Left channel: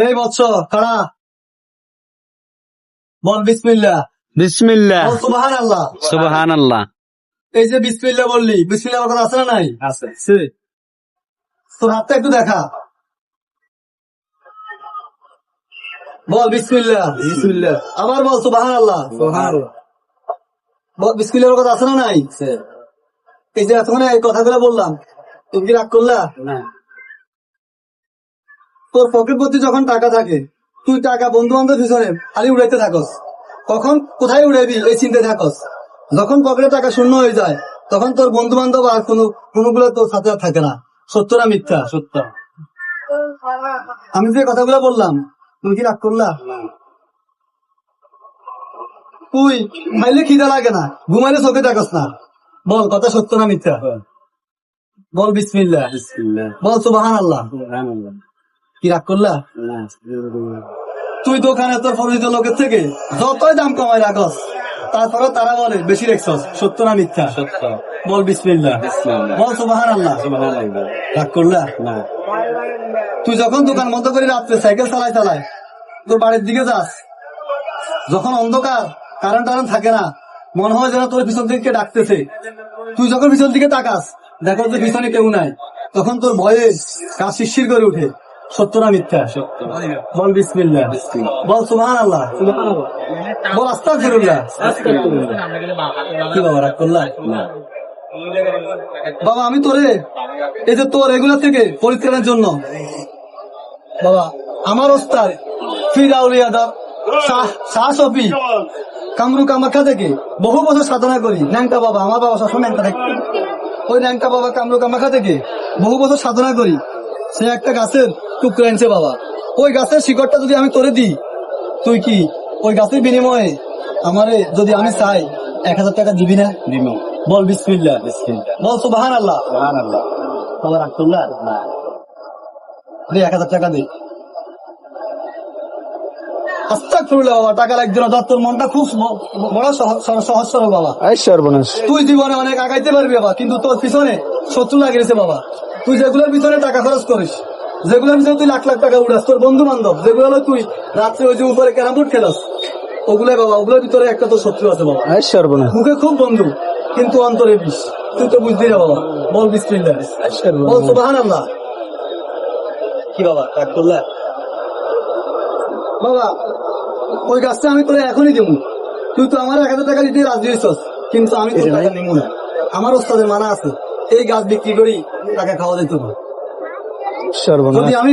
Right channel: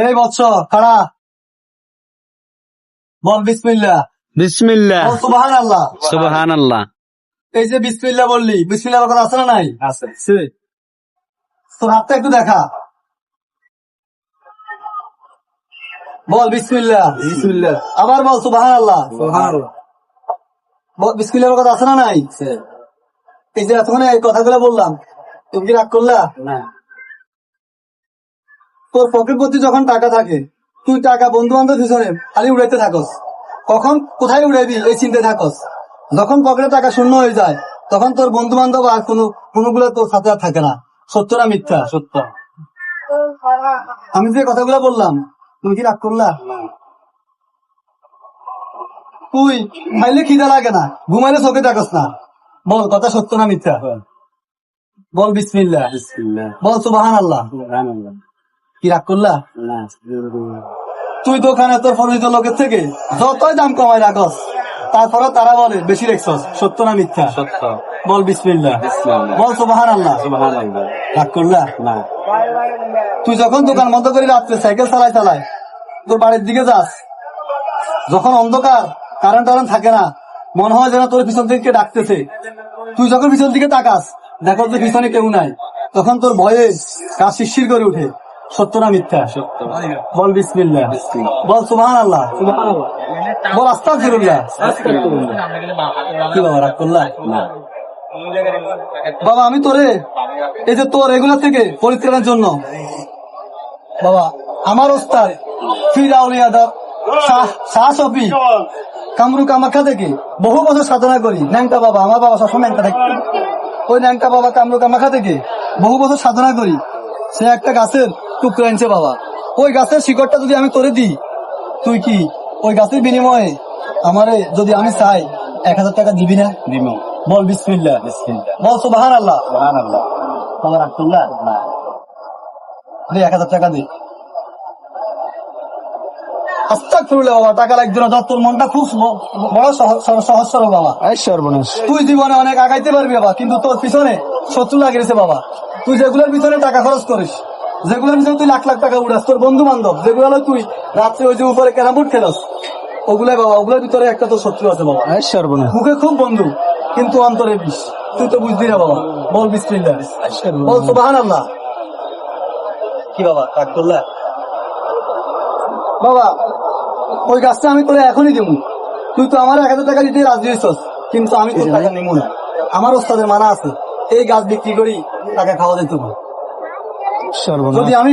এই বৎস খাড়া বল বিসমিল্লাহ। বিসমিল্লাহ। বল সুবহানাল্লাহ। সুবহানাল্লাহ। এই যে বিসমিল্লাহ বললি, বিসমিল্লাহ কথা আছে না নাই? আছে। তোর হাতটা একটু দেখা। বল বিসমিল্লাহ। বিসমিল্লাহ। আবার বল সুবহানাল্লাহ। সুবহানাল্লাহ। বল বিসমিল্লাহ কথা আছে না নাই? এই যে এতক্ষণ এই কথাগুলো বললাম, তুমি কি রাগ করলা? না। তোর পকেট ভর্তি যখন টাকা থাকে, তুই টাকা বন্ধু বান্ধব পিছনে খালি উড়াইতে থাকস। কখন কোথায় উড়াইবি এই চিন্তায় থাকস। যখন পকেটে টাকা শূন্য হয়ে যায়, তখন তোর বন্ধু বান্ধব আর কোনগুলো তোর সাথে আর থাকে না। সত্য না মিথ্যা? সত্য। আমি যে কথাগুলো বললাম, তুমি কি রাগ করলা? তুই খাইলে খিদা লাগে না, ঘুমাইলে চোখে থাকস না। বল কথা সত্য না মিথ্যা? বল বিসমিল্লাহ। বিসমিল্লাহ। বল সুবহানাল্লাহ। সুবহানাল্লাহ। কি রাগ করলা? না। তুই দোকানে তোর পরিচিত লোকের থেকে যতই দাম কমাই রাখস, তারপরে তারা বলে বেশি রেখছস। সত্য না মিথ্যা? সত্য। বল বিসমিল্লাহ। বিসমিল্লাহ। বল সুবহানাল্লাহ। সুবহানাল্লাহ। রাগ করলা? না। তুই যখন দোকান বন্ধ করে রাত্রে সাইকেল চালাই তোর বাড়ির দিকে যাস, যখন অন্ধকার কারেন্ট থাকে না, মনে হয় যেন তোর পিছন থেকে ডাকতেছে। তুই যখন পিছন দিকে তাকাস, দেখো যে পিছনে কেউ নাই, তখন তোর ভয়ে গা শিরশির করে উঠে। সত্য না মিথ্যা? সত্য। বল বিসমিল্লাহ। বল সুবহানাল্লাহ। বল আস্তাগফিরুল্লাহ। কি বাবা রাগ করলা? না। বাবা আমি তোরে এই যে তোর এগুলা থেকে পরিত্রাণের জন্য বাবা আমার ওস্তাদ ফিরাউলিয়াদার শাহ শফি কামরু কামাখ্যা থেকে বহু বছর সাধনা করি। ন্যাংটা বাবা, আমার বাবা সবসময় ন্যাংটা থাকে। ওই ন্যাংটা বাবা কামরু কামাখ্যা থেকে বহু বছর সাধনা করি। সে একটা গাছের টুকরো আনছে বাবা। ওই গাছের শিকড়টা যদি আমি তোরে দিই, তুই কি ওই গাছের বিনিময়ে আমারে যদি আমি চাই 1000 টাকা দিবি না? দিব। বল বিসমিল্লাহ। বিসমিল্লাহ। বল সুবহানাল্লাহ। সুবহানাল্লাহ। বাবা রাগ করলা? না। দে 1000 টাকা দে। আস্তাগফিরুল্লাহ বাবা, টাকা লাগবে না। তোর মনটা খুব বড় সহজ সরল বাবা। এই সর্বনাশ। তুই জীবনে অনেক আগাইতে পারবি বাবা, কিন্তু তোর পিছনে শত্রু লাগিয়েছে বাবা। তুই যেগুলোর পিছনে টাকা খরচ করিস, যেগুলোর পিছনে তুই লাখ লাখ টাকা উড়াস, তোর বন্ধু বান্ধব যেগুলো তুই রাত্রে ওই যে উপরে ক্যারাম বোর্ড খেলাস, ওগুলাই বাবা, ওগুলোর ভিতরে একটা তোর শত্রু আছে বাবা। এই সর্বনাশ। মুখে খুব বন্ধু, কিন্তু অন্তরে বিষ। তুই তো বুঝলি না বাবা। বল বিসমিল্লাহ। বল সুবহানাল্লাহ। কি বাবা রাগ করলা? বাবা ওই গাছটা আমি তোরে এখনই দেবো। তুই তো আমার 1000 টাকা দিতে রাজি হয়েছস, কিন্তু আমি তোর টাকা নেবো না। আমার ওস্তাদের মানা আছে, এই গাছ বিক্রি করি টাকা খাওয়া যেত। সর্বনাশ। যদি আমি